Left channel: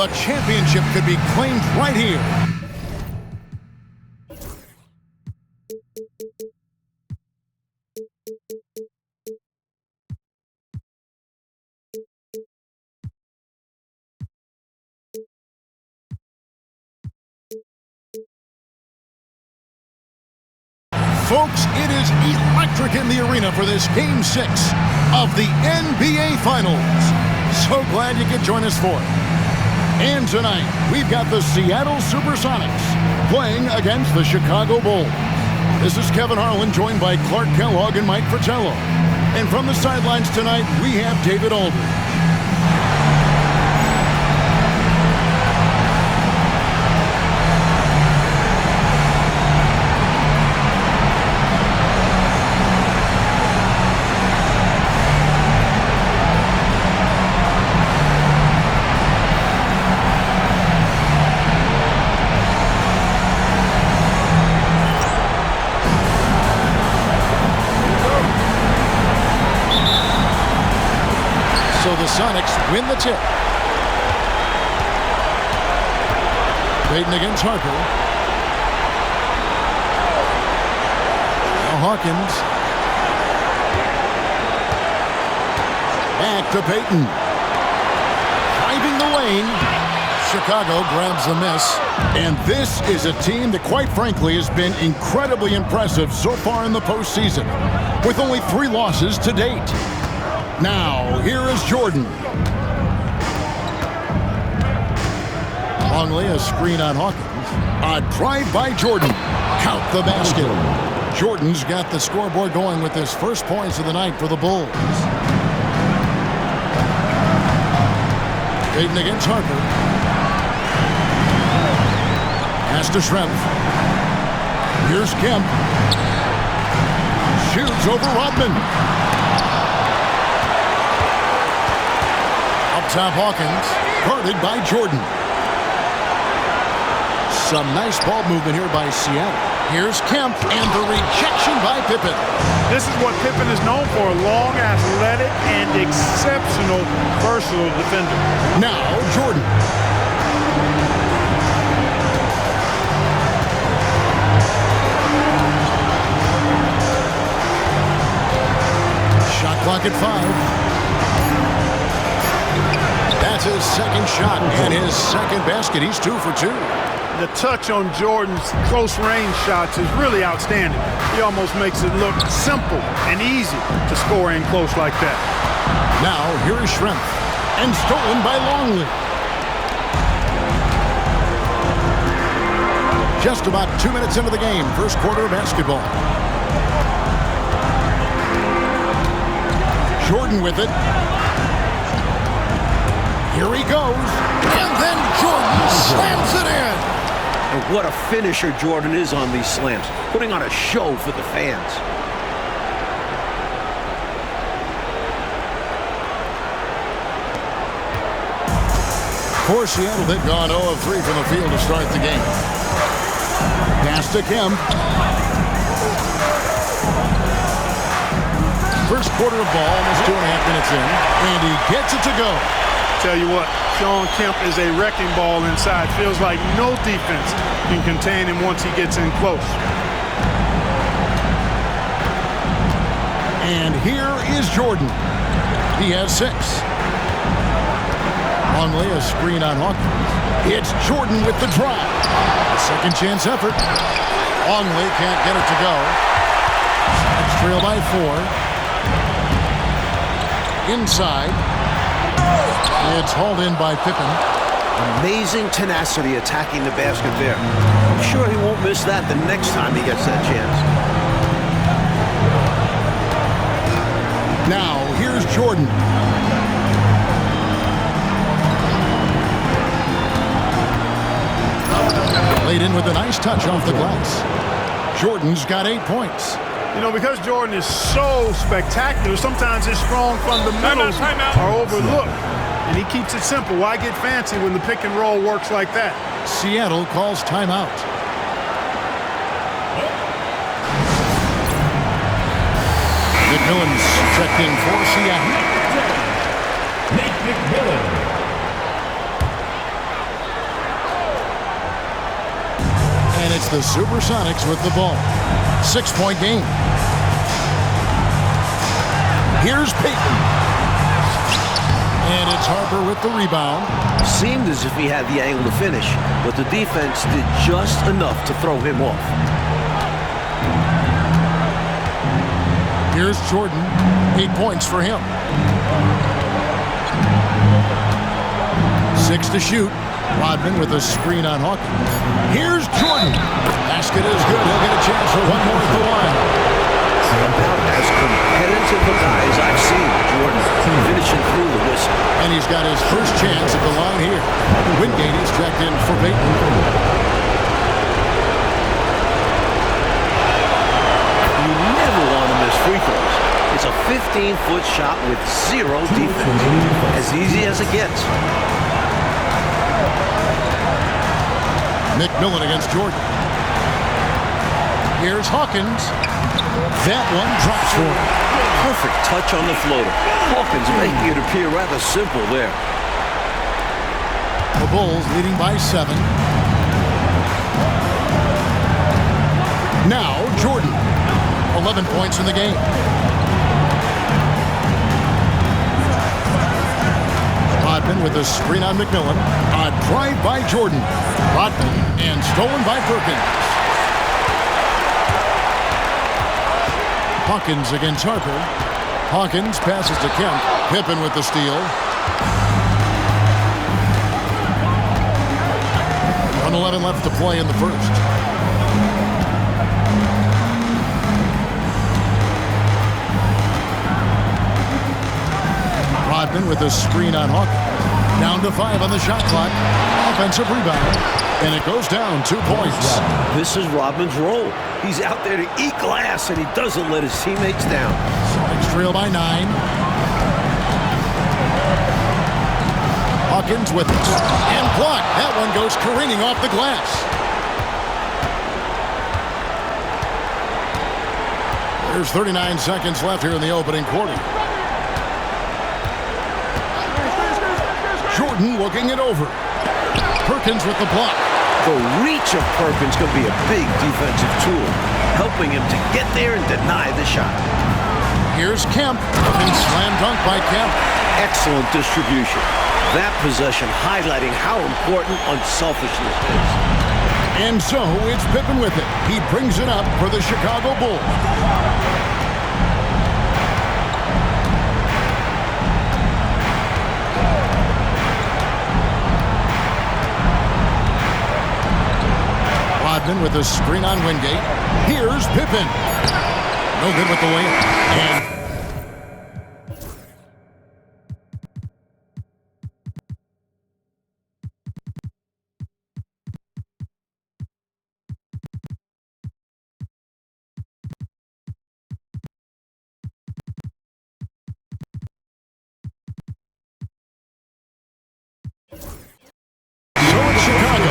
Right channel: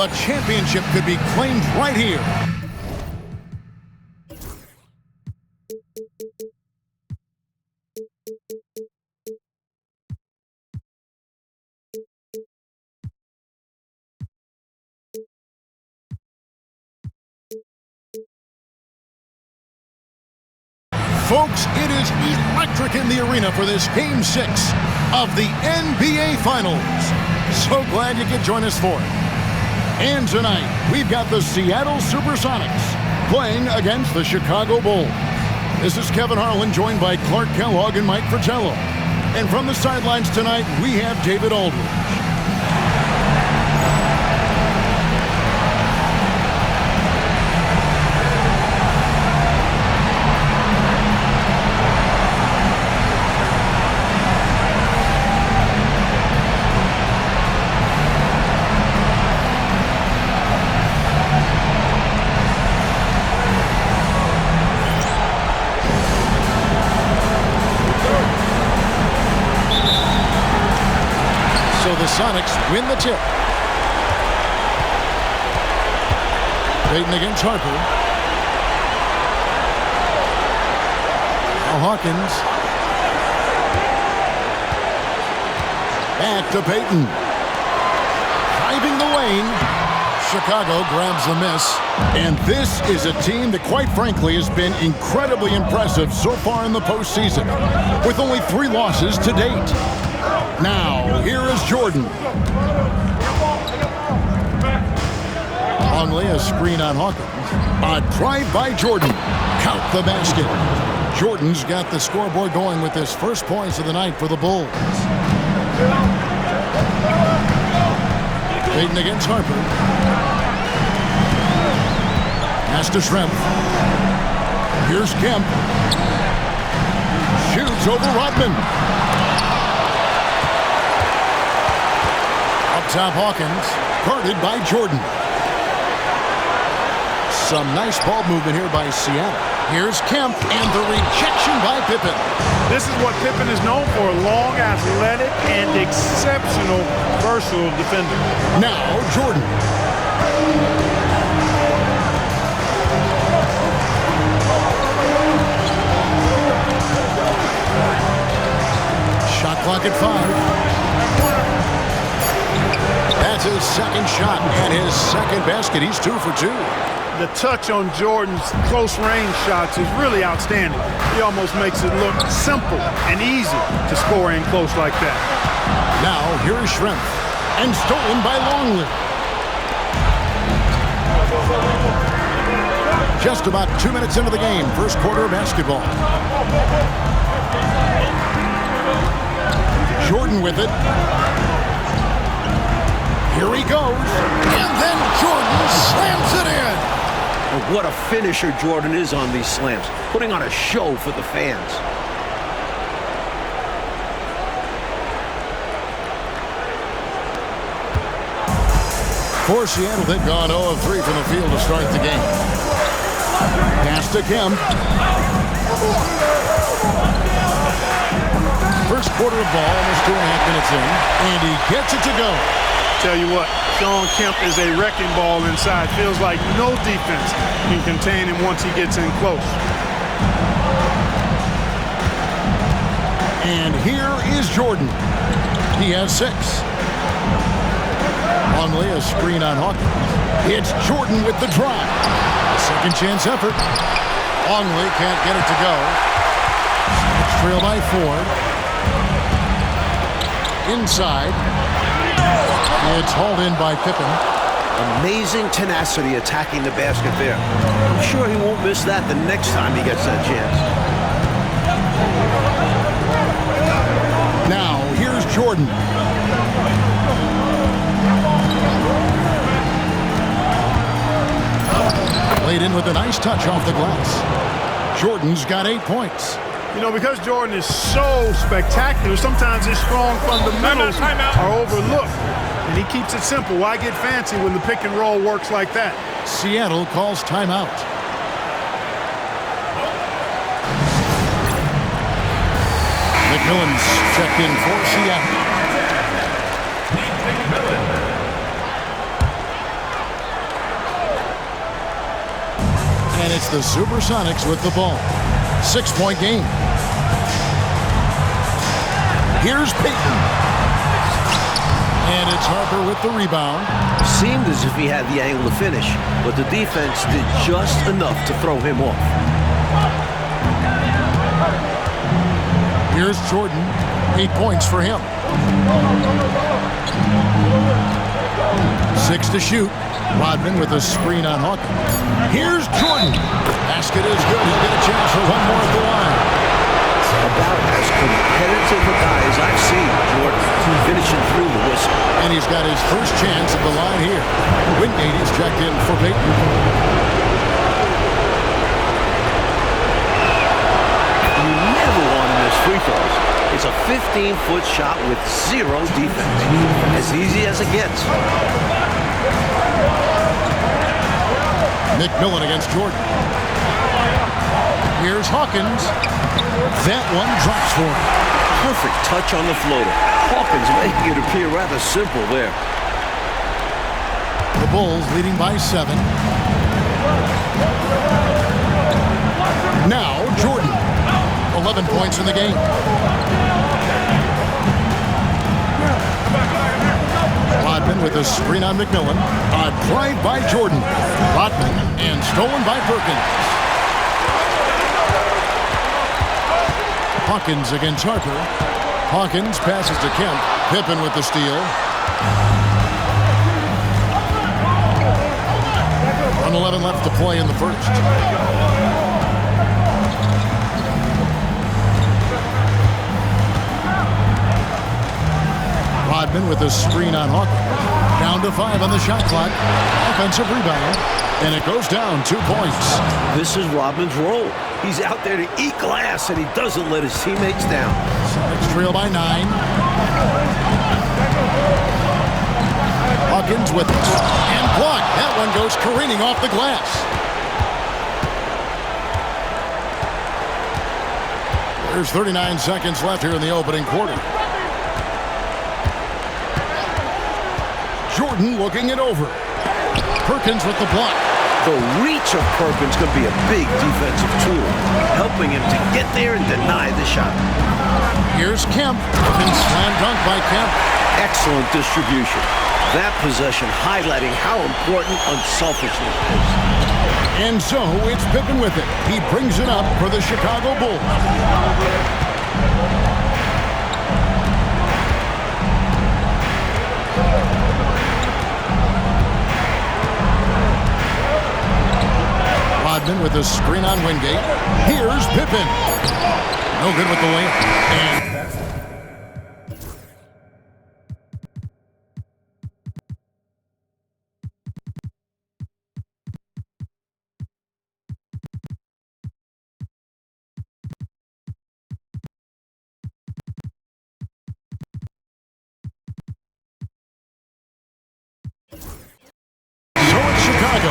The championship could be claimed right here. Folks, it is electric in the arena for this Game 6 of the NBA Finals. So glad you could join us for it. And tonight, we've got the Seattle Supersonics playing against the Chicago Bulls. This is Kevin Harlan, joined by Clark Kellogg and Mike Fratello. And from the sidelines tonight, we have David Aldridge. So the Sonics win the tip. Payton against Harper. Now Hawkins. Back to Payton. Driving the lane. Chicago grabs the miss. And this is a team that, quite frankly, has been incredibly impressive so far in the postseason, with only 3 losses to date. Now, here is Jordan. Longley, a screen on Hawkins. A drive by Jordan. Count the basket. Jordan's got the scoreboard going with his first points of the night for the Bulls. Payton against Harper. Pass to Schrempf. Here's Kemp. Shoots over Rodman. Up top, Hawkins, guarded by Jordan. Some nice ball movement here by Seattle. Here's Kemp, and the rejection by Pippen. This is what Pippen is known for, long, athletic, and exceptional, versatile defender. Now, Jordan. Shot clock at 5. That's his second shot and his second basket. He's 2 for 2. The touch on Jordan's close-range shots is really outstanding. He almost makes it look simple and easy to score in close like that. Now, here is Schrempf, and stolen by Longley. Just about 2 minutes into the game, first quarter of basketball. Jordan with it. Here he goes, and then Jordan slams it in. And what a finisher Jordan is on these slams, putting on a show for the fans. For Seattle, they've gone 0 of 3 from the field to start the game. Pass to Kemp. First quarter of ball, almost 2.5 minutes in, and he gets it to go. Tell you what, Shawn Kemp is a wrecking ball inside. Feels like no defense can contain him once he gets in close. And here is Jordan. He has 6. Longley, a screen on Hawkins. It's Jordan with the drive. A second chance effort. Longley can't get it to go. Sonics trail by 4. Inside. It's hauled in by Pippen. Amazing tenacity attacking the basket there. I'm sure he won't miss that the next time he gets that chance. Now, here's Jordan. Laid in with a nice touch off the glass. Jordan's got 8 points. You know, because Jordan is so spectacular, sometimes his strong fundamentals are overlooked. And he keeps it simple. Why get fancy when the pick and roll works like that? Seattle calls timeout. McMillan's checked in for Seattle. Nate McMillan. And it's the Supersonics with the ball. 6-point game. Here's Payton. And it's Harper with the rebound. Seemed as if he had the angle to finish, but the defense did just enough to throw him off. Here's Jordan. 8 points for him. 6 to shoot. Rodman with a screen on Hawkins. Here's Jordan. Basket is good. He'll get a chance for one more at the line. About as competitive a guy as I've seen, Jordan, finishing through the whistle. And he's got his first chance at the line here. Wingate is checked in for Payton. You never want to miss free throws. It's a 15-foot shot with zero defense. As easy as it gets. McMillan against Jordan. Here's Hawkins. That one drops for him. Perfect touch on the floater. Hawkins making it appear rather simple there. The Bulls leading by 7. Now Jordan. 11 points in the game. Rodman with a screen on McMillan. A drive by Jordan. Rodman and stolen by Perkins. Hawkins against Harper. Hawkins passes to Kemp. Pippen with the steal. 1:11 left to play in the first. Rodman with a screen on Hawkins. Down to 5 on the shot clock. Offensive rebound. And it goes down 2 points. This is Rodman's role. He's out there to eat glass, and he doesn't let his teammates down. Celtics trail by 9. Hawkins with it. And blocked. That one goes careening off the glass. There's 39 seconds left here in the opening quarter. Jordan looking it over. Perkins with the block. The reach of Perkins could be a big defensive tool, helping him to get there and deny the shot. Here's Kemp. And slam dunk by Kemp. Excellent distribution. That possession highlighting how important unselfishness is. And so it's Pippen with it. He brings it up for the Chicago Bulls. Rodman with a screen on Wingate. Here's Pippen. No good with the layup. And Chicago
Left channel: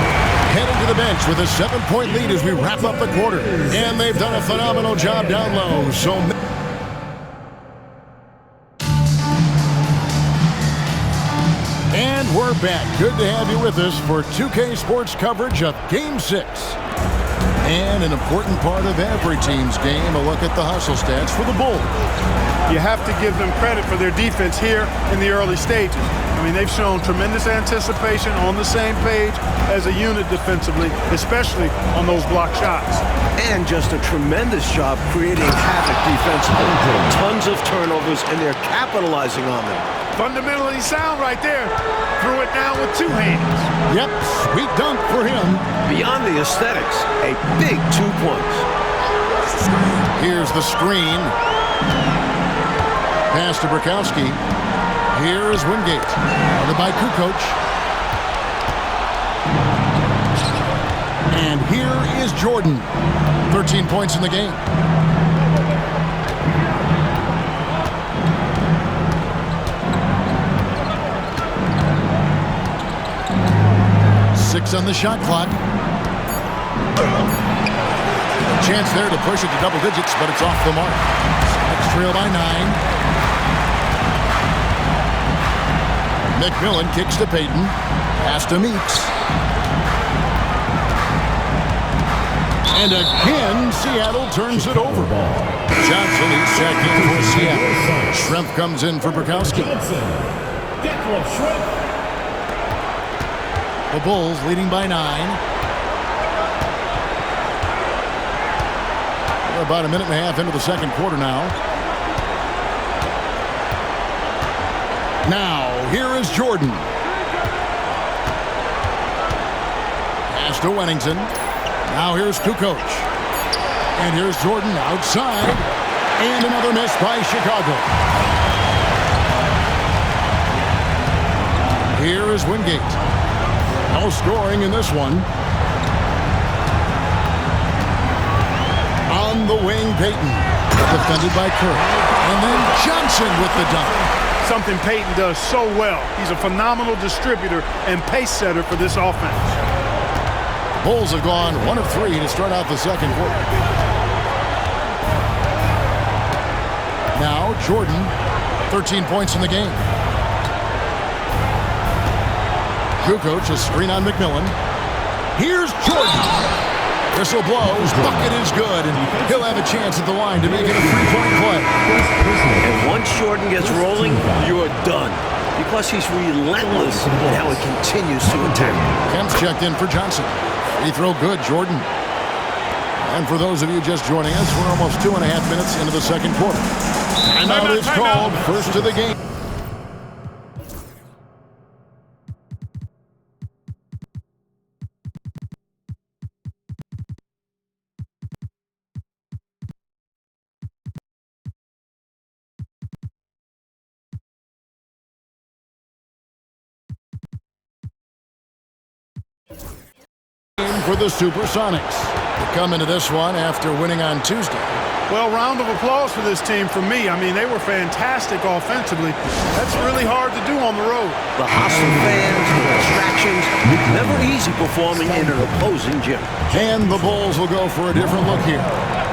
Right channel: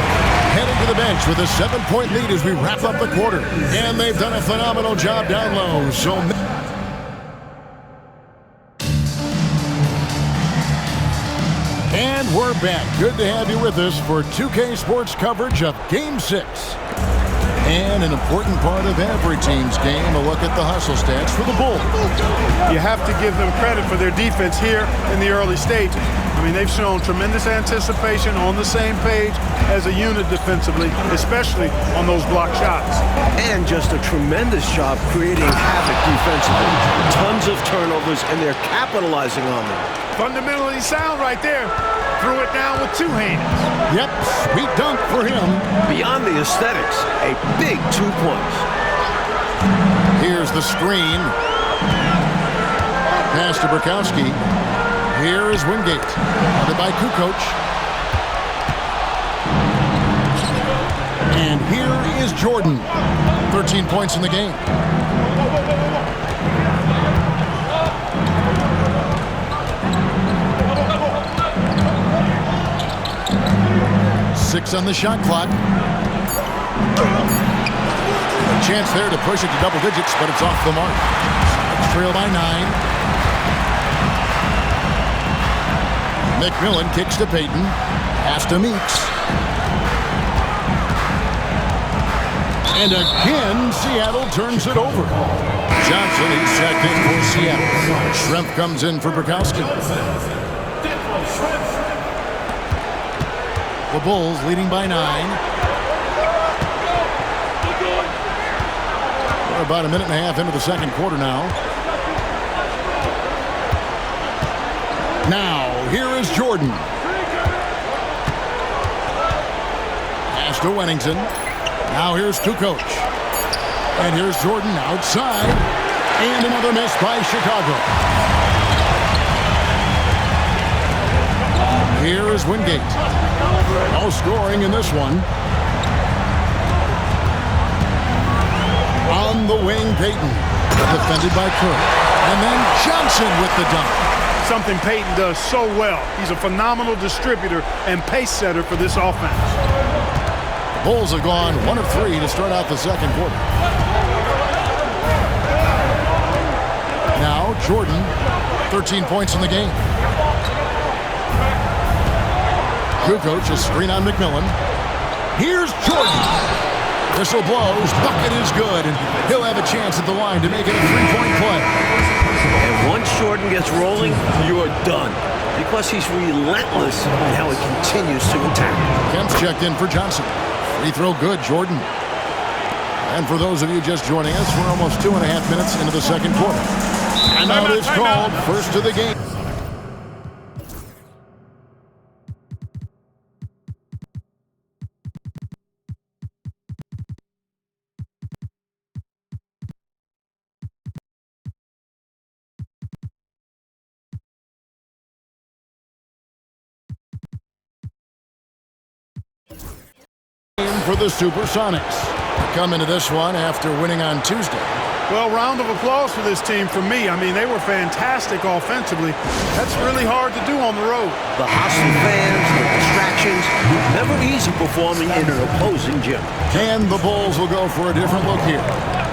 heading to the bench with a 7-point lead as we wrap up the quarter. And they've done a phenomenal job down low. So and we're back. Good to have you with us for 2K Sports coverage of Game 6. And an important part of every team's game, a look at the hustle stats for the Bulls. You have to give them credit for their defense here in the early stages. I mean, they've shown tremendous anticipation, on the same page as a unit defensively, especially on those block shots. And just a tremendous job creating havoc defensively. Tons of turnovers, and they're capitalizing on them. Fundamentally sound right there. Threw it down with 2 hands. Yep, sweet dunk for him. Beyond the aesthetics, a big 2 points. Here's the screen. Pass to Burkowski. Here is Wingate. Guarded by Kukoc. And here is Jordan. 13 points in the game. Six on the shot clock. A chance there to push it to double digits, but it's off the mark. Celtics trail by 9. McMillan kicks to Payton. Pass to Meeks. And again, Seattle turns it over. Johnson, he's checked in for Seattle. Schrempf comes in for Bukowski. The Bulls leading by 9. We're about a minute and a half into the second quarter now. Now, here is Jordan. Pass to Wennington. Now here's Kukoc. And here's Jordan outside. And another miss by Chicago. Here is Wingate. No scoring in this one. On the wing, Payton. Defended by Kerr. And then Johnson with the dunk. Something Payton does so well. He's a phenomenal distributor and pace setter for this offense. The Bulls have gone 1 of 3 to start out the second quarter. Now Jordan, 13 points in the game. Kukoc, a screen on McMillan. Here's Jordan. Whistle blows, bucket is good, and he'll have a chance at the line to make it a 3-point play. And once Jordan gets rolling, you're done. Because he's relentless in how he continues to attack. Kemp's checked in for Johnson. Free throw good, Jordan. And for those of you just joining us, we're almost 2.5 minutes into the second quarter. Timeout is called, first of the game. For the Supersonics. They come into this one after winning on Tuesday. Well, round of applause for this team from me. I mean, they were fantastic offensively. That's really hard to do on the road. The hostile fans, the distractions, never easy performing in an opposing gym. And the Bulls will go for a different look here.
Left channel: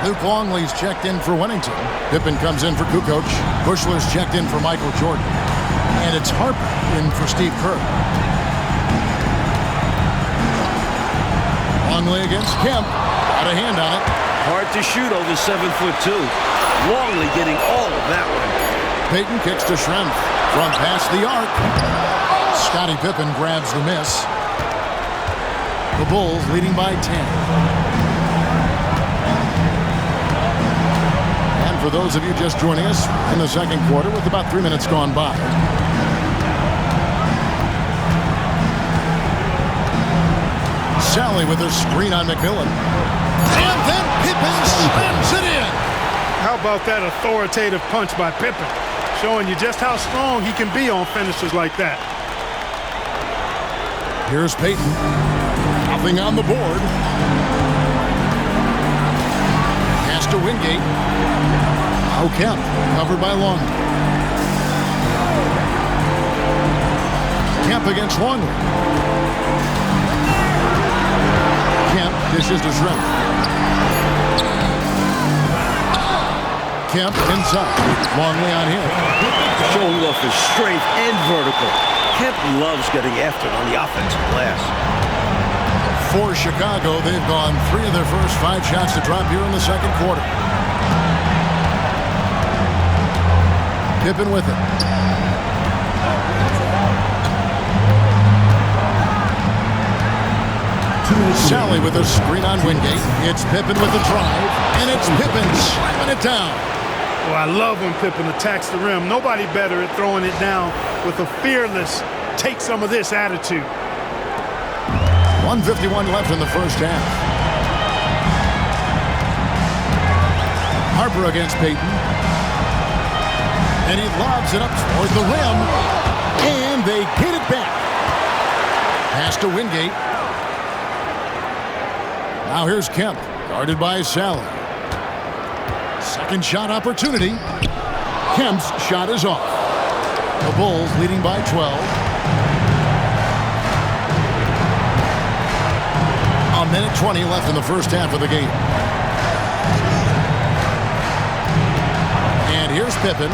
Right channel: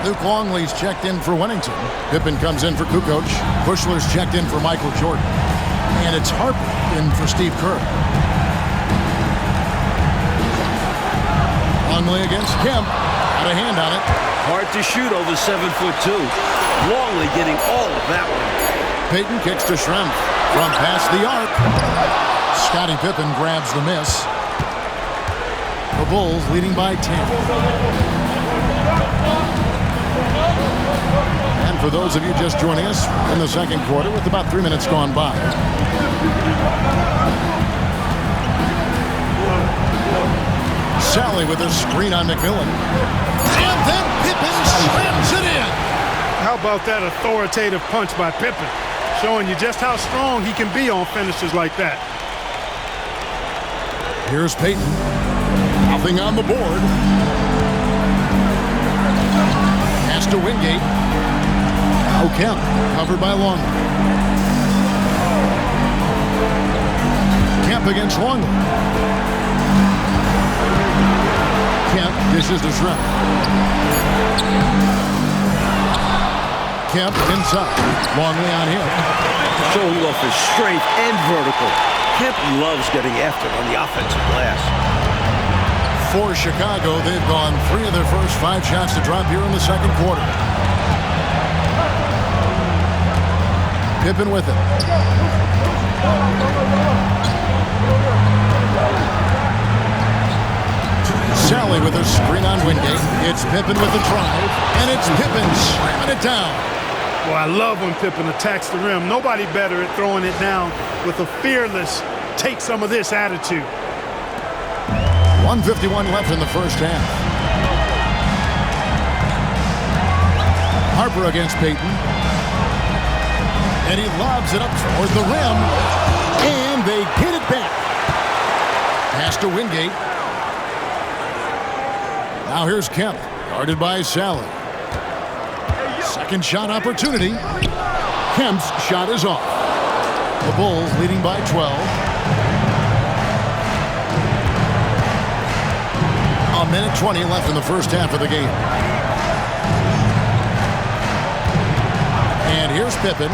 Luke Longley's checked in for Wennington. Pippen comes in for Kukoc. Bushler's checked in for Michael Jordan. And it's Harper in for Steve Kerr. Longley against Kemp. Got a hand on it. Hard to shoot over 7'2". Longley getting all of that one. Payton kicks to Schrempf. From past the arc. Scottie Pippen grabs the miss. The Bulls leading by 10. And for those of you just joining us in the second quarter with about 3 minutes gone by. Sally with a screen on McMillan. And then Pippen slams it in. How about that authoritative punch by Pippen? Showing you just how strong he can be on finishes like that. Here's Payton. Nothing on the board. Pass to Wingate. Now Kemp, covered by Longley. Kemp against Longley. Kemp dishes to Schrempf. Kemp inside. Longley on him. Showing off his strength and vertical. Kemp loves getting after it on the offensive glass. For Chicago, they've gone 3 of their first 5 shots to drop here in the second quarter. Pippen with it. Sally with a screen on Wingate. It's Pippen with the drive, and it's Pippen slamming it down. Well, I love when Pippen attacks the rim. Nobody better at throwing it down with a fearless, take some of this attitude. 1:51 left in the first half. Harper against Payton. And he lobs it up toward the rim. And they get it back. Pass to Wingate. Now here's Kemp, guarded by Sally. Second shot opportunity. Kemp's shot is off. The Bulls leading by 12. A minute 20 left in the first half of the game. And here's Pippen.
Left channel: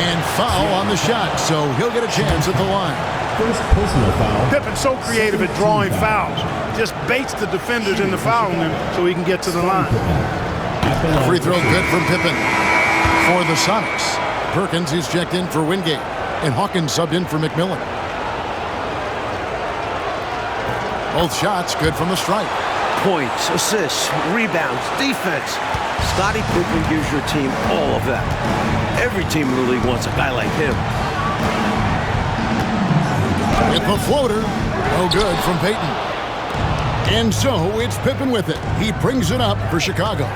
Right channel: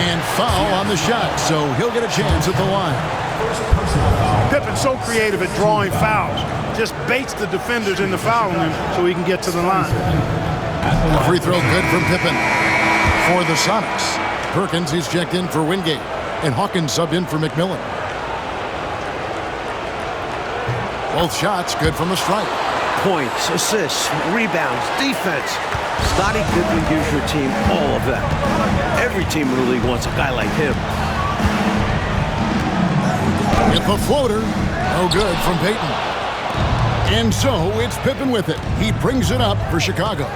And foul on the shot, so he'll get a chance at the line. First personal foul. Pippin's so creative at drawing fouls. Just baits the defenders into fouling him so he can get to the line. A free throw good from Pippen. For the Sonics, Perkins is checked in for Wingate, and Hawkins subbed in for McMillan. Both shots good from the stripe. Points, assists, rebounds, defense. Scottie Pippen gives your team all of that. Every team in the league wants a guy like him. With the floater, no good from Payton. And so it's Pippen with it. He brings it up for Chicago.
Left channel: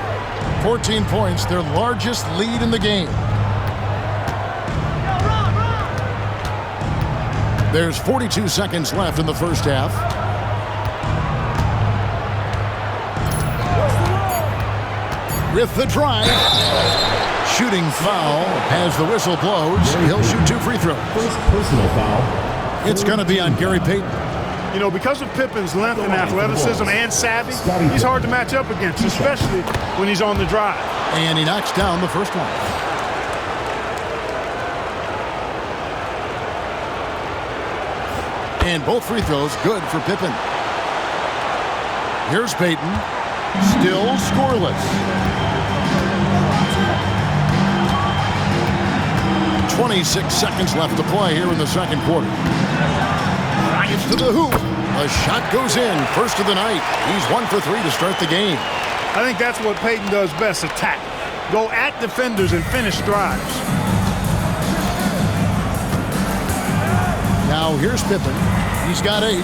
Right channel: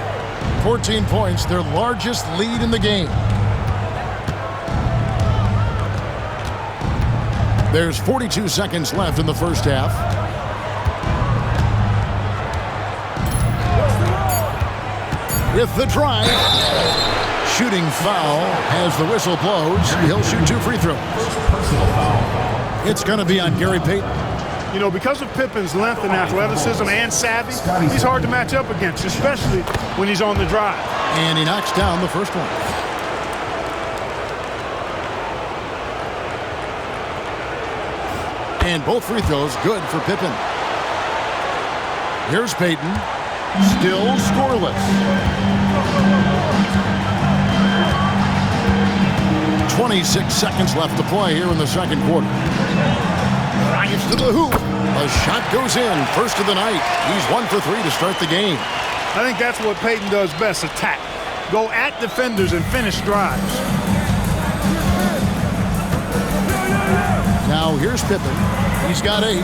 14 points, their largest lead in the game. There's 42 seconds left in the first half. With the drive, shooting foul as the whistle blows. He'll shoot 2 free throws. First personal foul. It's going to be on Gary Payton. You know, because of Pippen's length and athleticism and savvy, he's hard to match up against, especially when he's on the drive. And he knocks down the first one. And both free throws good for Pippen. Here's Payton. Still scoreless. 26 seconds left to play here in the second quarter. Drives to the hoop. The shot goes in. First of the night. He's 1 for 3 to start the game. I think that's what Payton does best, attack. Go at defenders and finish drives. Now here's Pippen. He's got 8.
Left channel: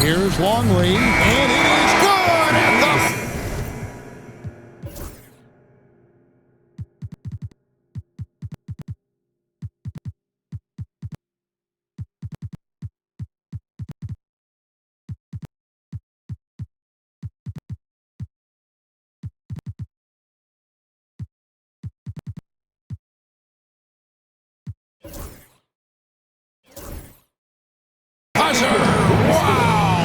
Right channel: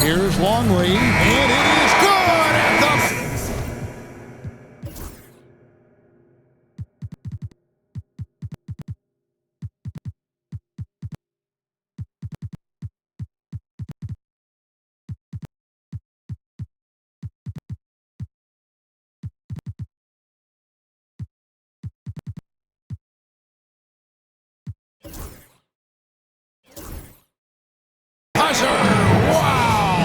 Here's Longley, and it is good at the... Wow!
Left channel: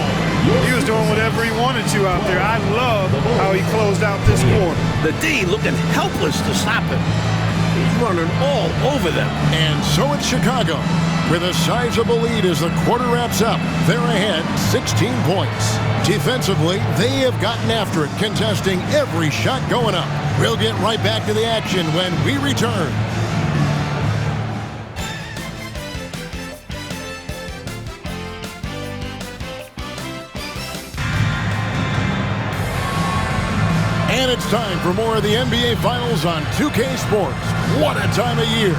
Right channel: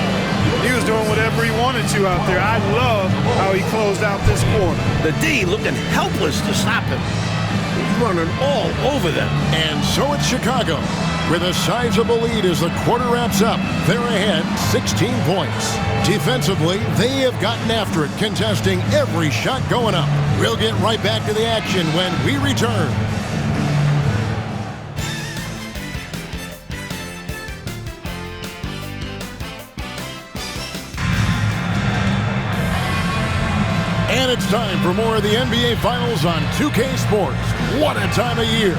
He was doing whatever he wanted to out there. I love how he closed out this quarter. The D looking helpless to stop him. He's running all over them. And so it's Chicago, with a sizable lead as the quarter wraps up. They're ahead 16 points. Defensively, they have gotten after it, contesting every shot going up. We'll get right back to the action when we return. And it's time for more of the NBA Finals on 2K Sports. What a time of year.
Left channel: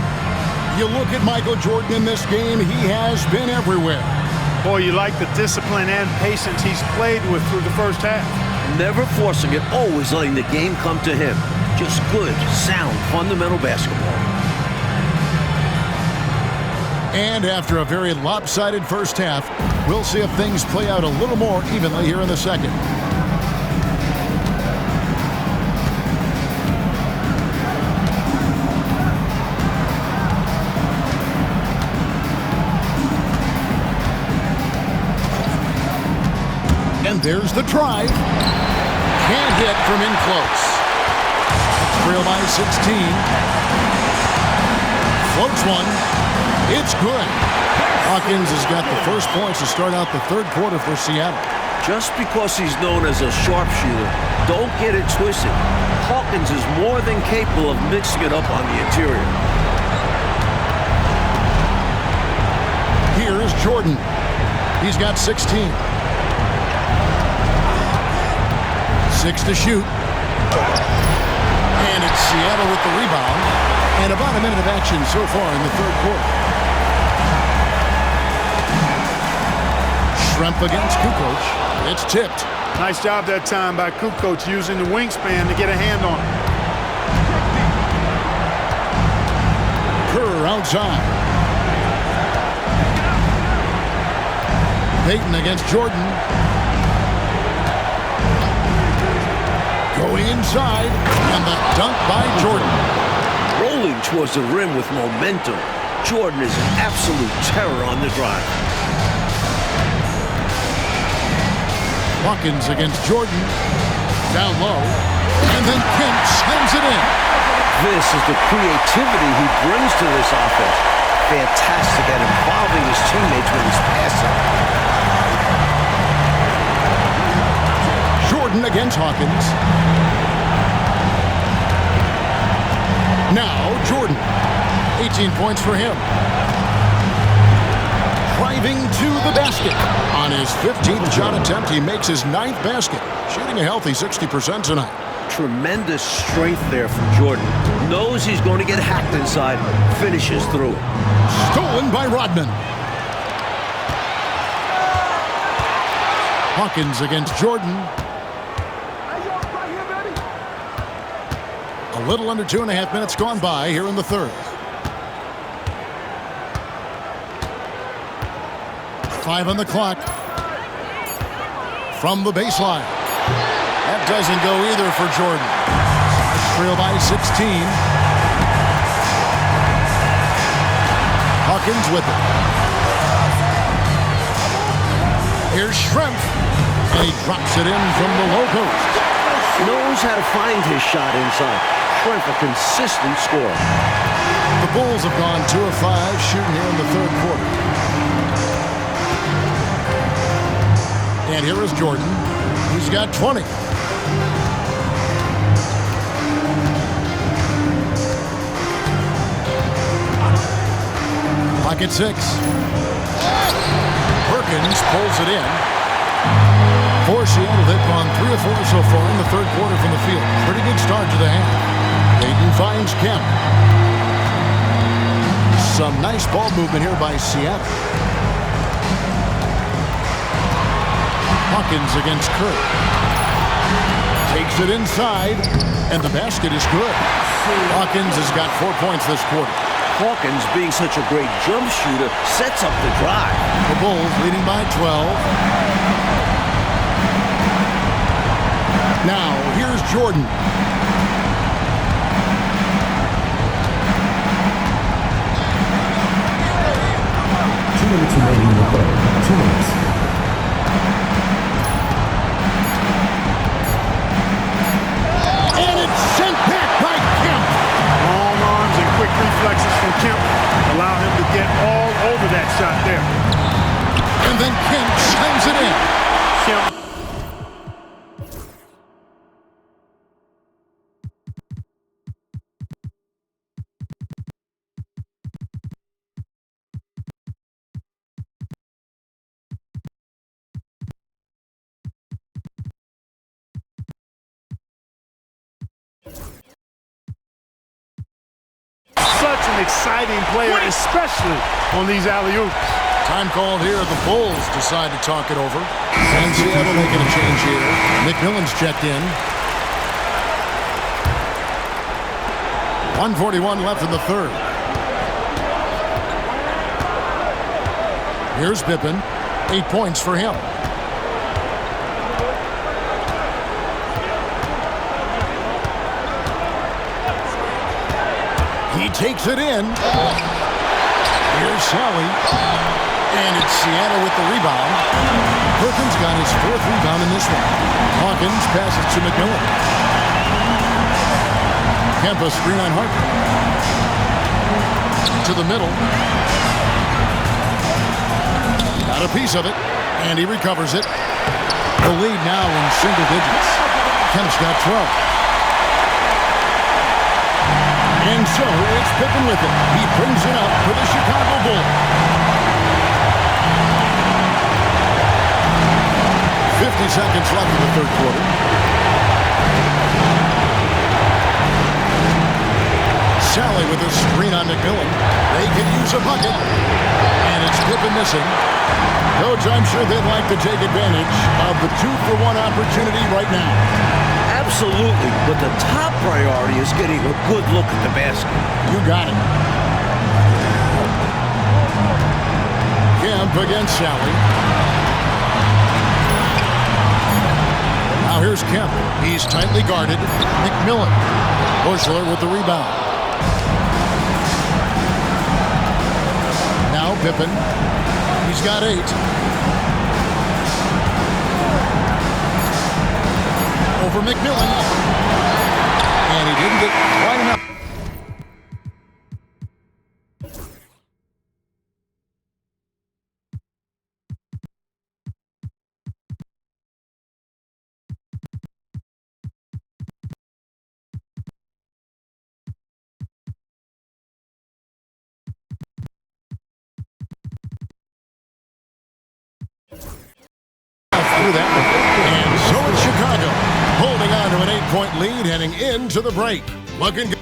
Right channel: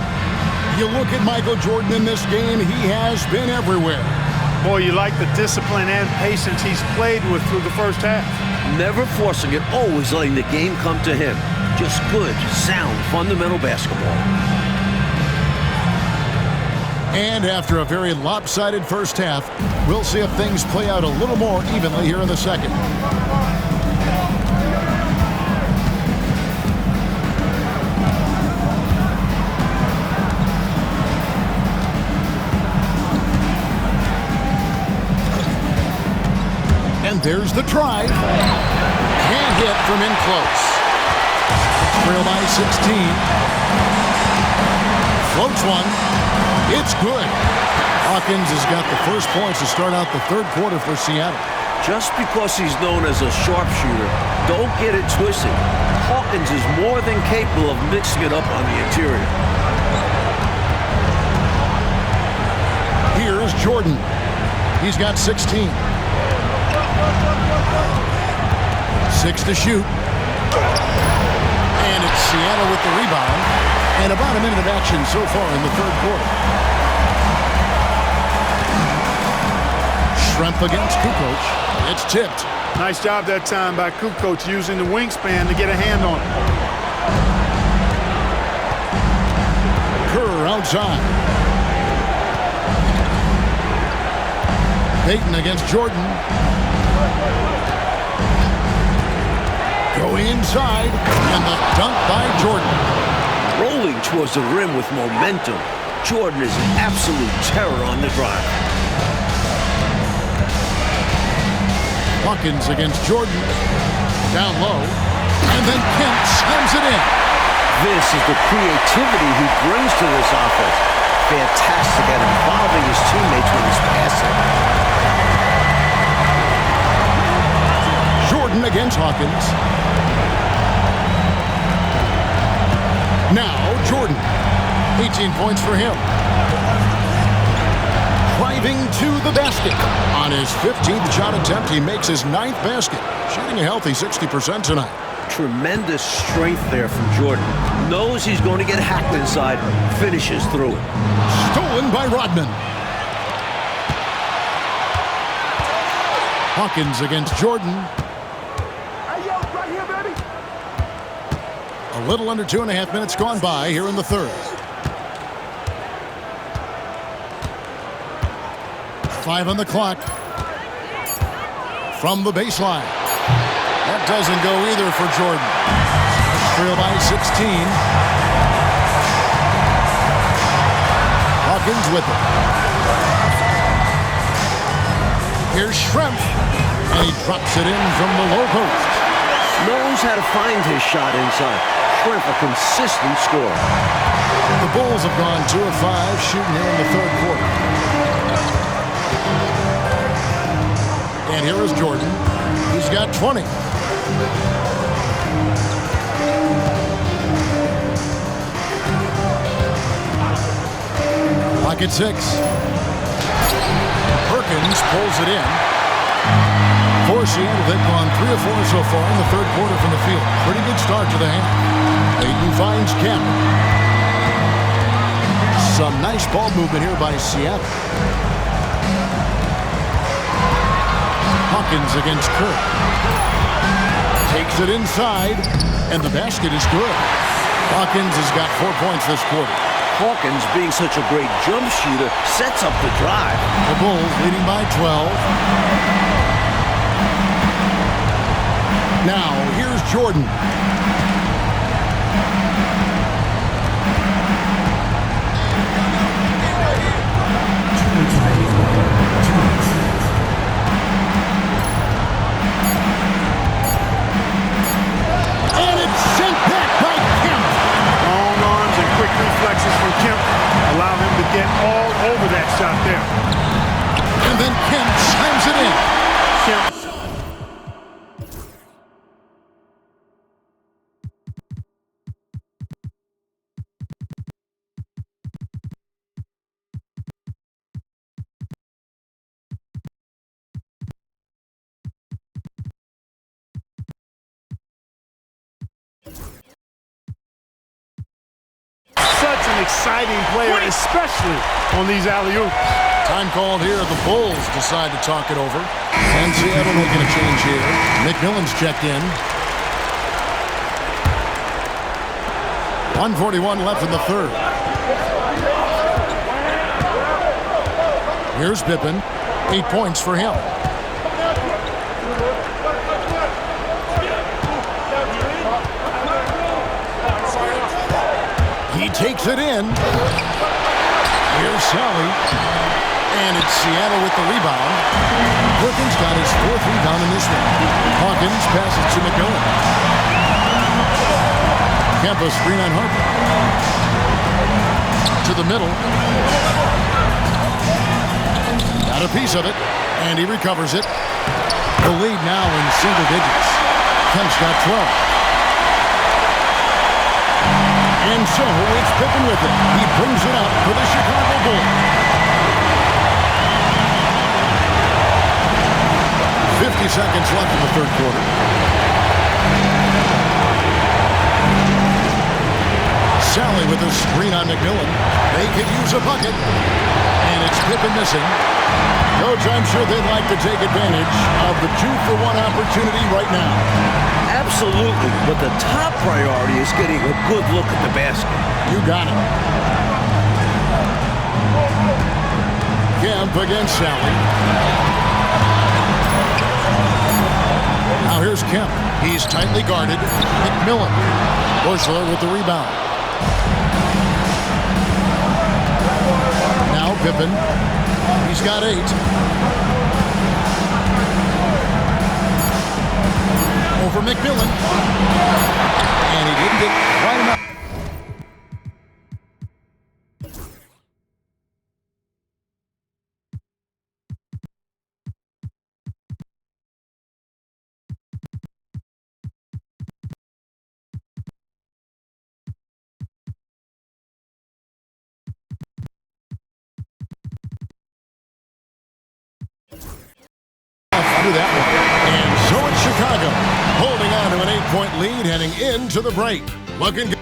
You look at Michael Jordan in this game, he has been everywhere. Boy, you like the discipline and patience he's played with through the first half. Never forcing it, always letting the game come to him. Just good, sound, fundamental basketball. And after a very lopsided first half, we'll see if things play out a little more evenly here in the second. And there's the drive. Can't hit from in close. It's trail by 16. Floats one. It's good. Hawkins has got the first points to start out the third quarter for Seattle. Just because he's known as a sharpshooter, don't get it twisted. Hawkins is more than capable of mixing it up on the interior. Here's Jordan. He's got 16. 6 to shoot. And it's Seattle with the rebound. And about a minute of action so far in the third quarter. Schrempf against Kukoc. It's tipped. Nice job that time by Kukoc using the wingspan to get a hand on it. Kerr outside. Payton against Jordan. Going inside, and the dunk by Jordan. Rolling towards the rim with momentum. Jordan is an absolute terror on the drive. Hawkins against Jordan. Down low. And then Kemp slams it in. This is the creativity he brings to this offense. Fantastic at involving his teammates when he's passing. Jordan against Hawkins. Now Jordan. 18 points for him. Driving to the basket. On his 15th shot attempt, he makes his 9th basket. Shooting a healthy 60% tonight. Tremendous strength there from Jordan. Knows he's going to get hacked inside. Finishes through it. Stolen by Rodman. Hawkins against Jordan. Right here, baby. A little under 2.5 minutes gone by here in the third. 5 on the clock. From the baseline. That doesn't go either for Jordan. Trail by 16. Hawkins with it. Here's Schrempf. And he drops it in from the low post. Knows how to find his shot inside. Schrempf, a consistent scorer. The Bulls have gone 2 of 5 shooting here in the third quarter. And here is Jordan. He's got 20. Pocket 6. Perkins pulls it in. For Seattle, they've gone 3 of 4 so far in the third quarter from the field. Pretty good start to the half. Payton finds Kemp. Some nice ball movement here by Seattle. Hawkins against Kerr. Takes it inside, and the basket is good. Hawkins has got 4 points this quarter. Hawkins, being such a great jump shooter, sets up the drive. The Bulls leading by 12. Now, here's Jordan. Remaining in the third. 2 minutes. And it's sent back by Kemp. Long arms and quick reflexes from Kemp allow him to get all over that shot there. And then Kemp chimes it in. Kemp. Such an exciting player, especially on these alley-oops. Time called here. The Bulls decide to talk it over. And Seattle making a change here. McMillan's checked in. 1:41 left in the third. Here's Pippen. 8 points for him. He takes it in. Here's Sally. And it's Seattle with the rebound. Perkins got his 4th rebound in this one. Hawkins passes to McMillan. Kemp screen on Harper. To the middle. Got a piece of it. And he recovers it. The lead now in single digits. Kemp's got 12. And so it's Pippen with it. He brings it up for the Chicago Bulls. 50 seconds left in the third quarter. Sally with a screen on McMillan. They could use a bucket. And it's Pippen missing. Coach, I'm sure they'd like to take advantage of the 2-for-1 opportunity right now. Absolutely, but the top priority is getting a good look at the basket. You got it. Kemp against Sally. Now here's Kemp. He's tightly guarded. McMillan. Bushler with the rebound. Now Pippen. He's got 8. over McMillan. And he didn't get quite enough. Under that one. And so it's Chicago, holding on to an 8-point lead heading into the break. Looking good.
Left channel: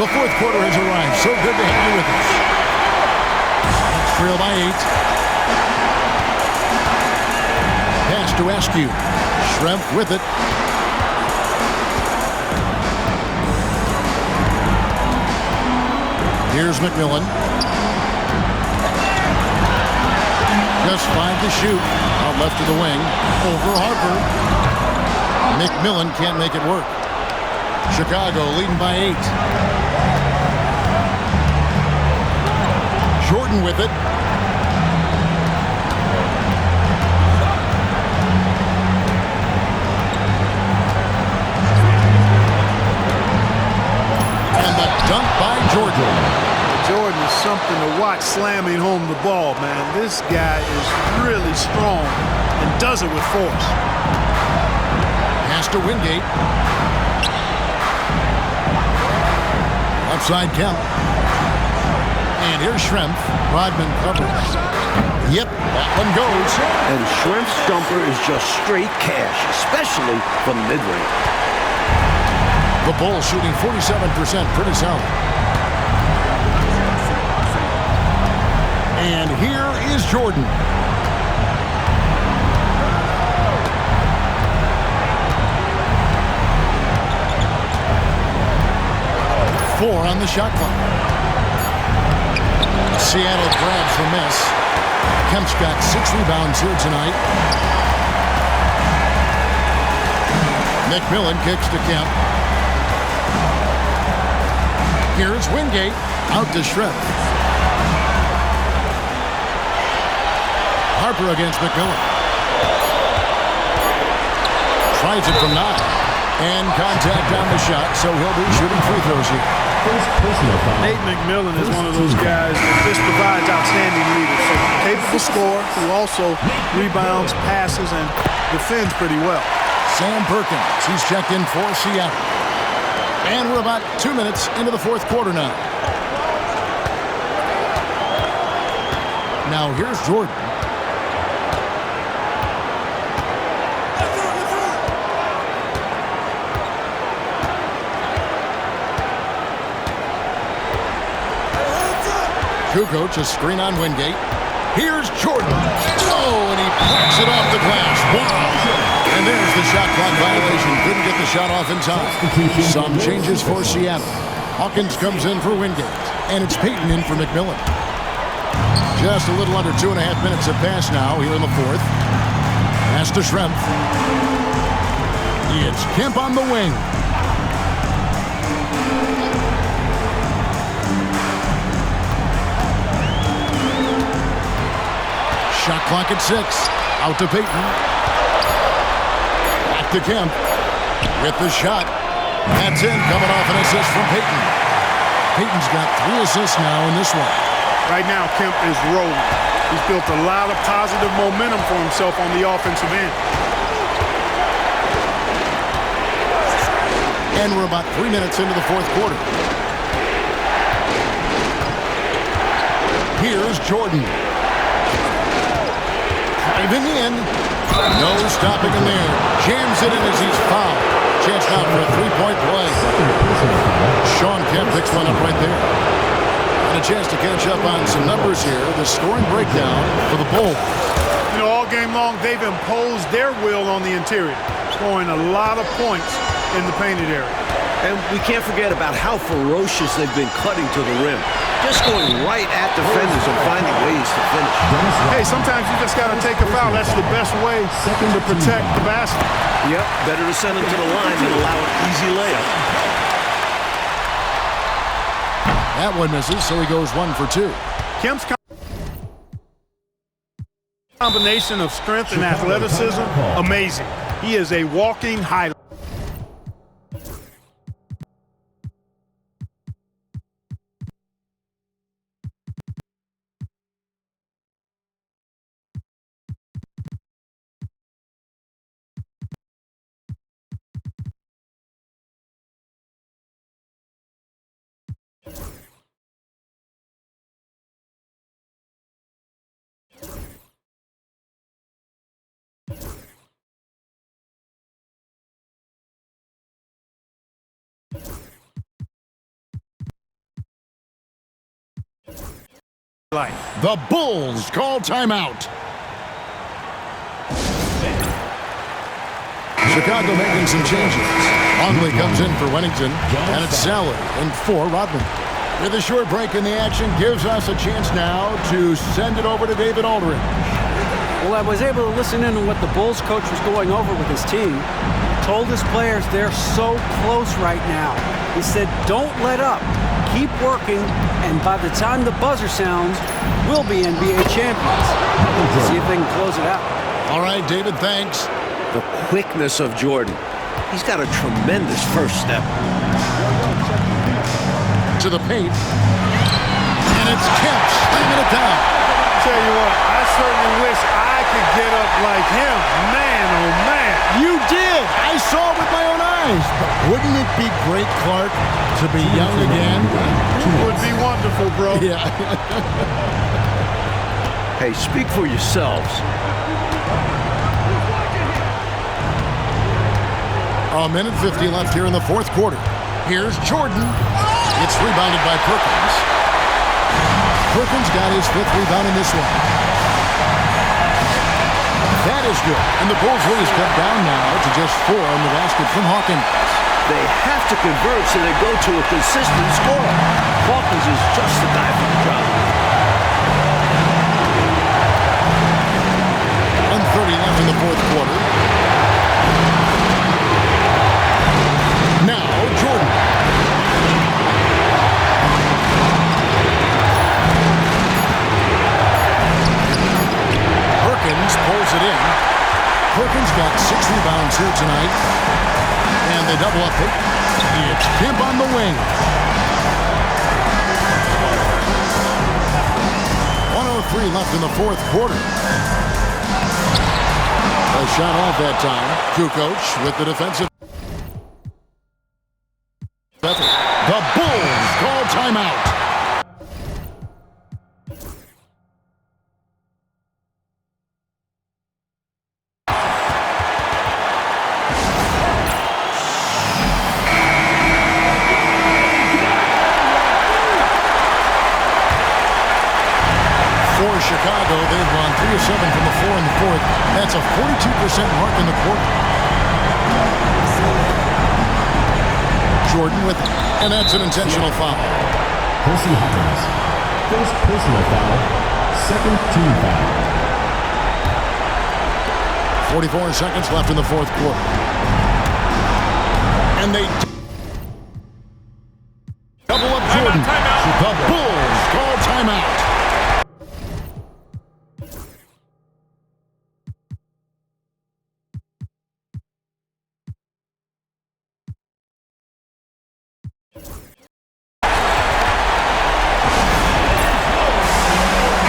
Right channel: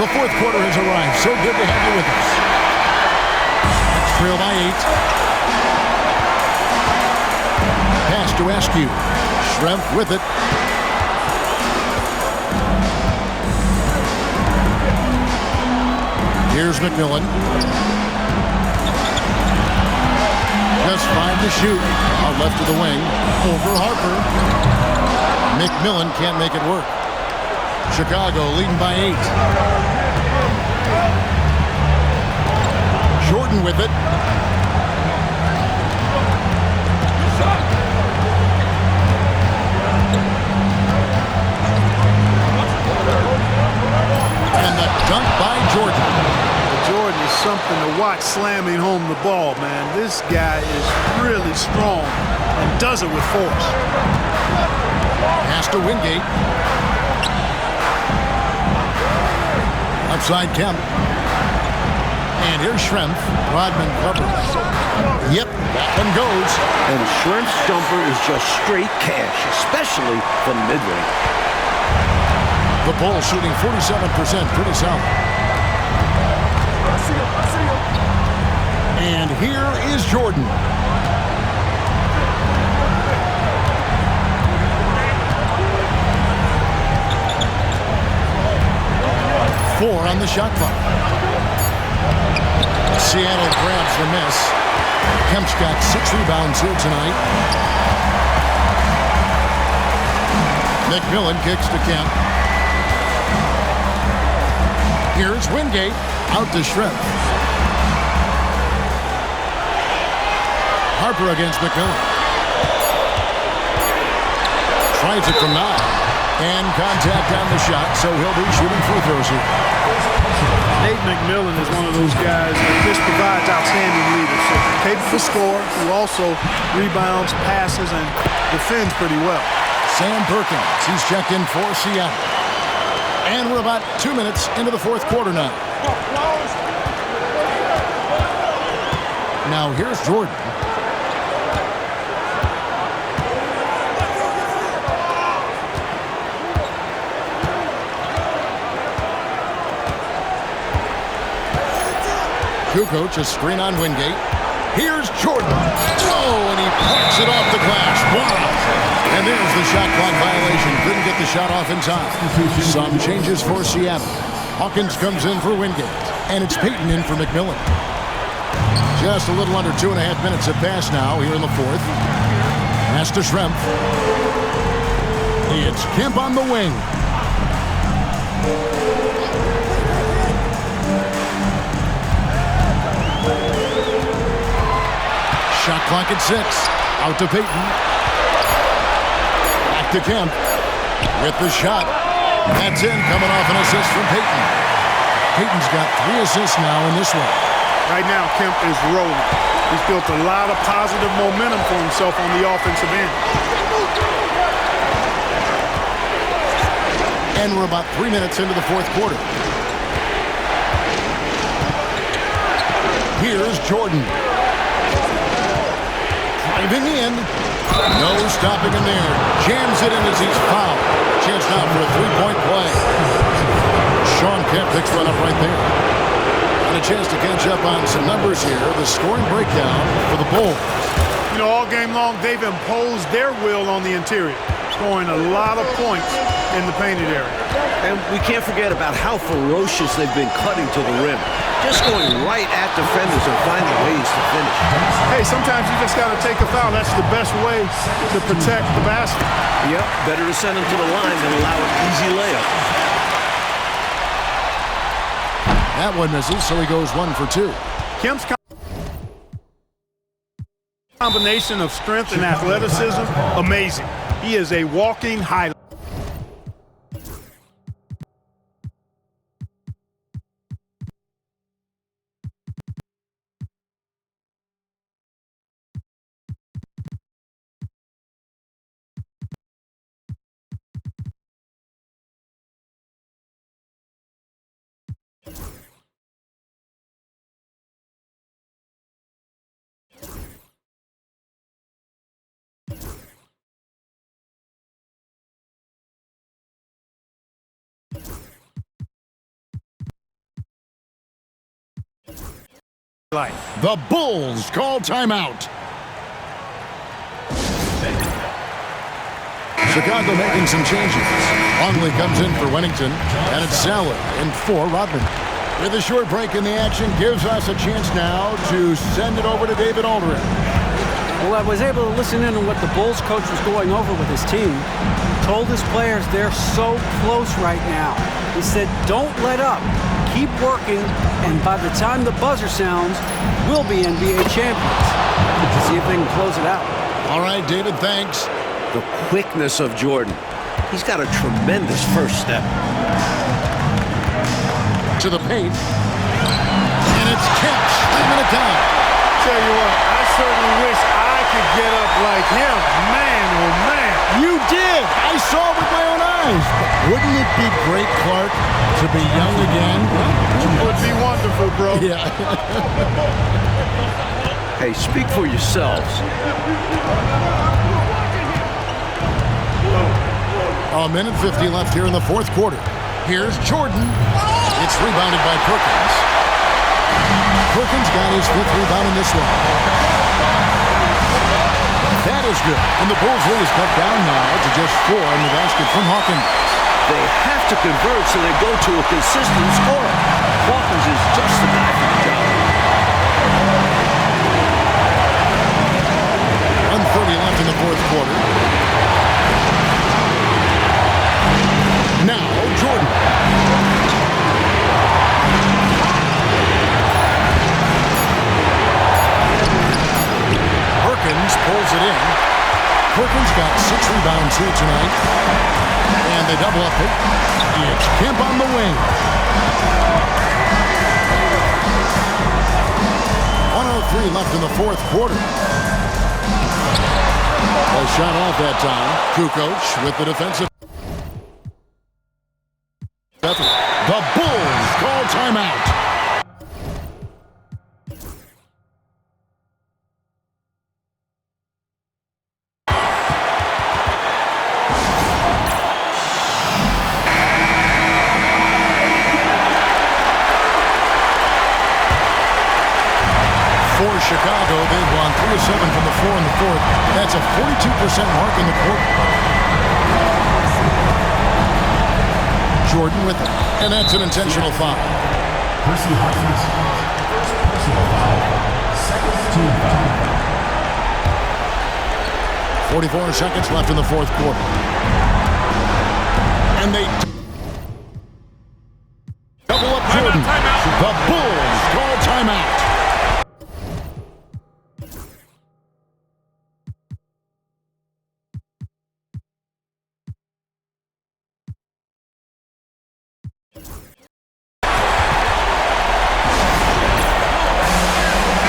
The fourth quarter has arrived. So good to have you with us. Next trail by 8. Pass to Askew. Schrempf with it. Here's McMillan. Just 5 to shoot. Out left to the wing. Over Harper. McMillan can't make it work. Chicago leading by 8. Jordan with it. And the dunk by Jordan. Jordan is something to watch slamming home the ball, man. This guy is really strong and does it with force. Pass to Wingate. Left side Kemp. And here's Schrempf. Rodman covers. Yep, that one goes. And Schrempf's jumper is just straight cash, especially from mid-range. The Bulls shooting 47%, pretty solid. And here is Jordan. Four on the shot clock. Seattle grabs the miss. Kemp's got 6 rebounds here tonight. McMillan kicks to Kemp. Here's Wingate. Out to Schrempf. Harper against McMillan. Tries it from 9. And contact on the shot, so he'll be shooting free throws here. Nate McMillan is one of those guys that just provides outstanding leadership. Capable scorer who also rebounds, passes, and defends pretty well. Sam Perkins, he's checked in for Seattle. And we're about 2 minutes into the fourth quarter now. Now here's Jordan. Kukoc, a screen on Wingate. Here's Jordan. Oh, and he plucks it off the glass. Wow. And there's the shot clock violation. Couldn't get the shot off in time. Some changes for Seattle. Hawkins comes in for Wingate. And it's Payton in for McMillan. Just a little under 2.5 minutes have passed now here in the fourth. Pass to Schrempf. It's Kemp on the wing. Shot clock at 6. Out to Payton. Back to Kemp. With the shot. That's in. Coming off an assist from Payton. Payton's got 3 assists now in this one. Right now, Kemp is rolling. He's built a lot of positive momentum for himself on the offensive end. And we're about 3 minutes into the fourth quarter. Here's Jordan. Driving in. No stopping him there. Jams it in as he's fouled. Chance now for a 3-point play. Shawn Kemp picks one up right there. And a chance to catch up on some numbers here. The scoring breakdown for the Bulls. You know, all game long, they've imposed their will on the interior, scoring a lot of points in the painted area. And we can't forget about how ferocious they've been cutting to the rim. Just going right at defenders and finding ways to finish. Hey, sometimes you just got to take a foul. That's the best way to protect the basket. Yep, better to send them to the line than allow an easy layup. That one misses, so he goes 1 for 2. Kemp's Combination of strength and athleticism, amazing. He is a walking highlight. The Bulls call timeout. Chicago making some changes. Longley comes in for Wennington, and it's Zeller in for Rodman. With a short break in the action, gives us a chance now to send it over to David Aldridge. Well, I was able to listen in on what the Bulls coach was going over with his team. He told his players they're so close right now. He said, don't let up. Keep working, and by the time the buzzer sounds, we'll be NBA champions. Let's see if they can close it out. All right, David, thanks. The quickness of Jordan. He's got a tremendous first step. To the paint. And it's Kemp slamming it down. Tell you what, I certainly wish I could get up like him. Man, oh man. You did. I saw it with my own eyes. But wouldn't it be great, Clark, to be young again? Would be wonderful, bro. Yeah. Hey, speak for yourselves. A minute 50 left here in the fourth quarter. Here's Jordan. It's rebounded by Perkins. Perkins got his fifth rebound in this one. That is good. And the Bulls lead is cut down now to just 4 in the basket from Hawkins. They have to convert so they go to a consistent scorer. Hawkins is just the guy for the job. 1:30 left in the fourth quarter. Now, Jordan. Perkins pulls it in. Perkins got 6 rebounds here tonight. And they double up it. It's Kemp on the wing. 1:03 left in the fourth quarter. A shot off that time. Kukoc with the defensive effort. The Bulls call timeout. For Chicago, they've won 3 of 7 from the floor in the fourth. That's a 42% mark in the quarter. Jordan with it, and that's an intentional foul. Percy Hawkins. First personal foul. Second team foul. 44 seconds left in the fourth quarter. And they double up Jordan. The Bulls call timeout.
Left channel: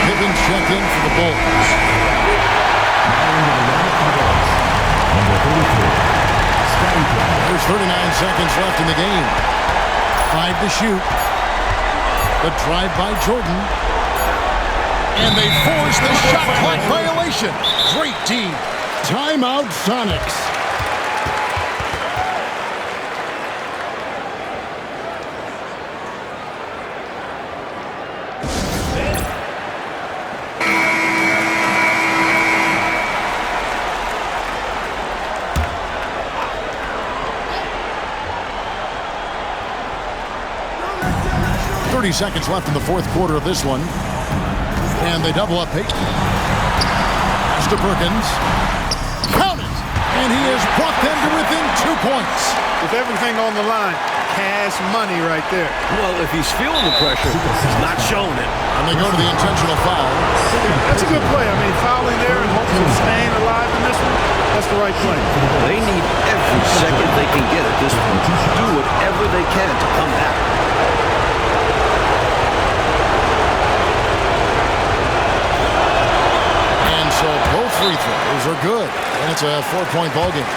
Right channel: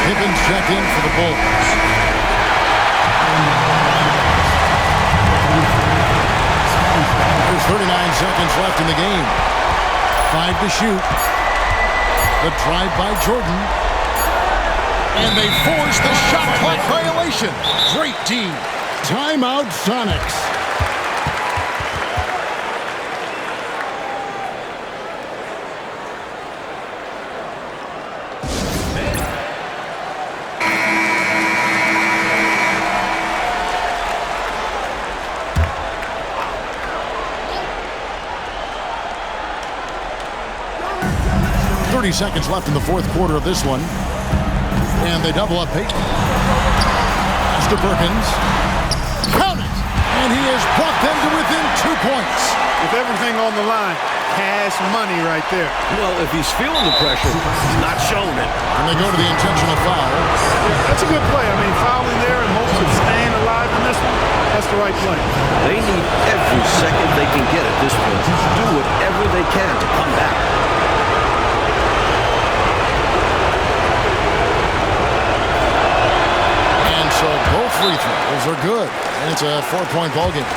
Pippins checked in for the Bulls. There's 39 seconds left in the game. 5 to shoot. The drive by Jordan. And they force the shot clock violation. Great team. Timeout Sonics. Seconds left in the fourth quarter of this one. And they double up Peyton. Pass to Perkins. Count it! And he has brought them to within 2 points. With everything on the line, cash money right there. Well, if he's feeling the pressure, he's not showing it. And they go to the intentional foul. Yeah, that's a good play. I mean, fouling there in hopes of staying alive in this one, that's the right play. They need every second they can get at this point. Do whatever they can to come back. And so both free throws are good. And it's a 4-point ball game.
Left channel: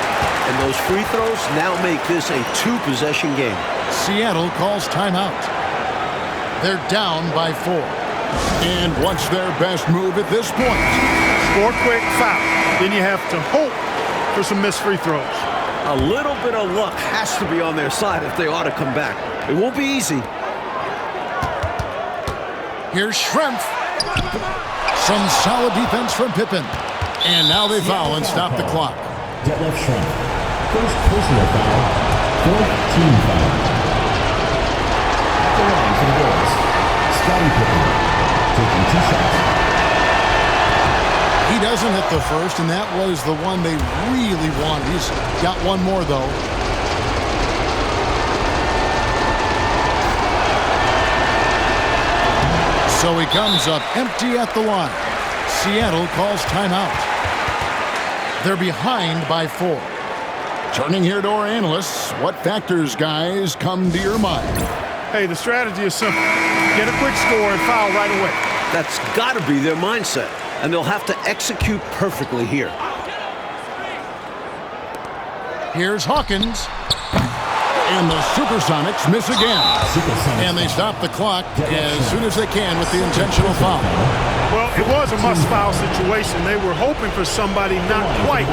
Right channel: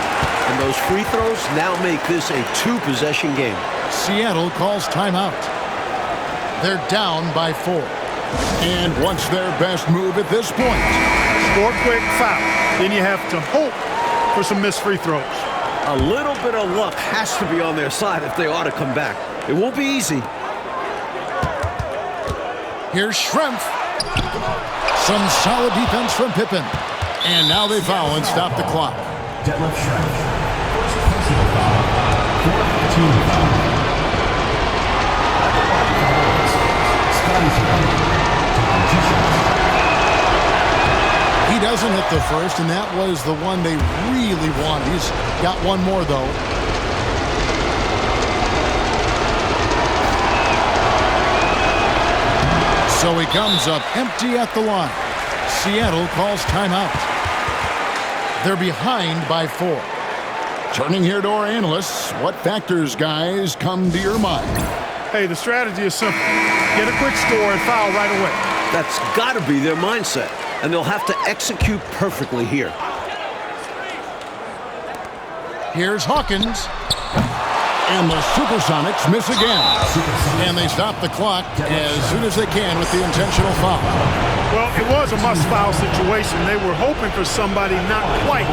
And those free throws now make this a 2-possession game. Seattle calls timeout. They're down by 4. And what's their best move at this point? Score quick, foul. Then you have to hope for some missed free throws. A little bit of luck has to be on their side if they ought to come back. It won't be easy. Here's Schrempf. Some solid defense from Pippen. And now they foul and stop the clock. Detlef Schrempf. First personal foul. Fourth team foul. At the line for the Bulls, Scottie Pippen, taking 2 shots. He doesn't hit the first, and that was the one they really wanted. He's got one more, though. So he comes up empty at the line. Seattle calls timeout. They're behind by 4. Turning here to our analysts, what factors, guys, come to your mind? Hey, the strategy is simple. Get a quick score and foul right away. That's got to be their mindset, and they'll have to execute perfectly here. Here's Hawkins. And the Supersonics miss again. And they stop the clock as soon as they can with the intentional foul. Well, it was a must-foul situation. They were hoping for somebody not quite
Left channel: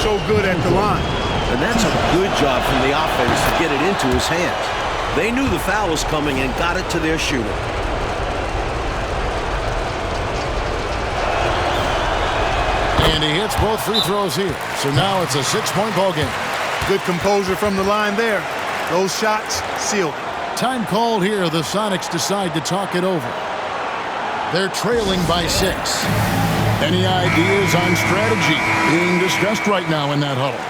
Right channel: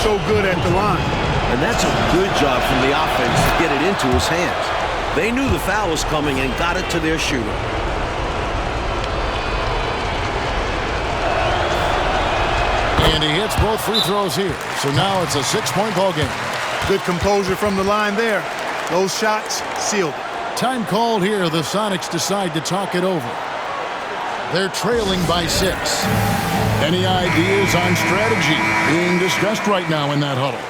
so good at the line. And that's a good job from the offense to get it into his hands. They knew the foul was coming and got it to their shooter. And he hits both free throws here. So now it's a 6-point ball game. Good composure from the line there. Those shots sealed it. Time called here. The Sonics decide to talk it over. They're trailing by 6. Any ideas on strategy being discussed right now in that huddle?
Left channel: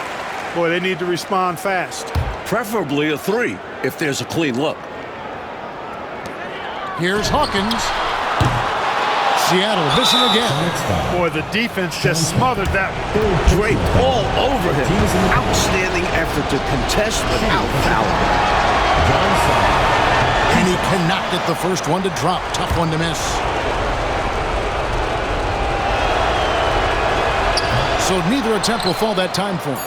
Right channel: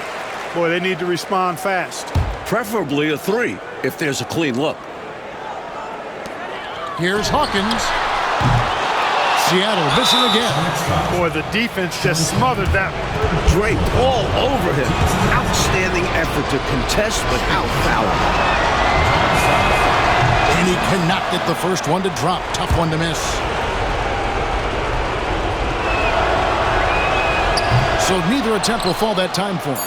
Boy, they need to respond fast. Preferably a 3 if there's a clean look. Here's Hawkins. Seattle missing again. Boy, the defense just smothered that one. Draped all over him. Outstanding effort to contest without fouling. And he cannot get the first one to drop. Tough one to miss. So neither attempt will fall that time for him.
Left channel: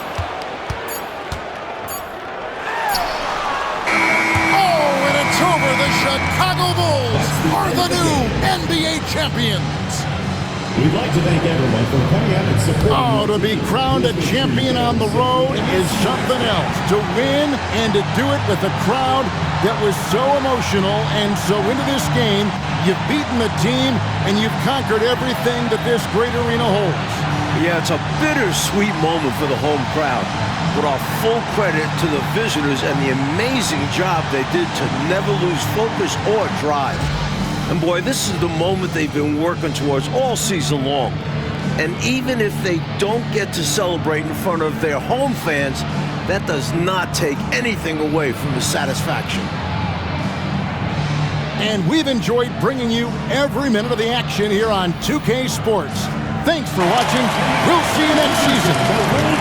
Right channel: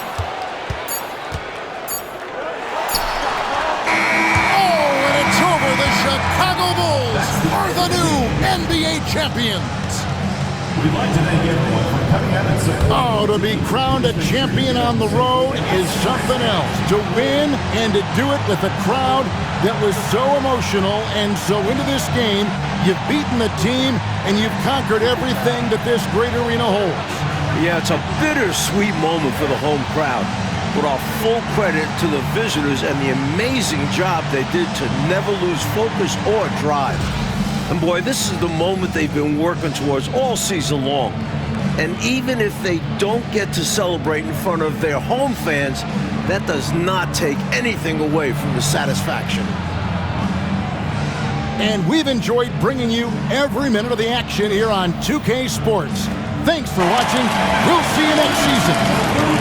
Oh, and it's over. The Chicago Bulls are the new NBA champions. We'd like to thank everyone for coming out and supporting. Oh, to be crowned a champion on the road is something else. To win and to do it with a crowd that was so emotional and so into this game, you've beaten the team and you've conquered everything that this great arena holds. Yeah, it's a bittersweet moment for the home crowd. But our full credit to the visitors and the amazing job they did to never lose focus or drive. And boy, this is the moment they've been working towards all season long. And even if they don't get to celebrate in front of their home fans, that does not take anything away from the satisfaction. And we've enjoyed bringing you every minute of the action here on 2K Sports. Thanks for watching. We'll see you next season.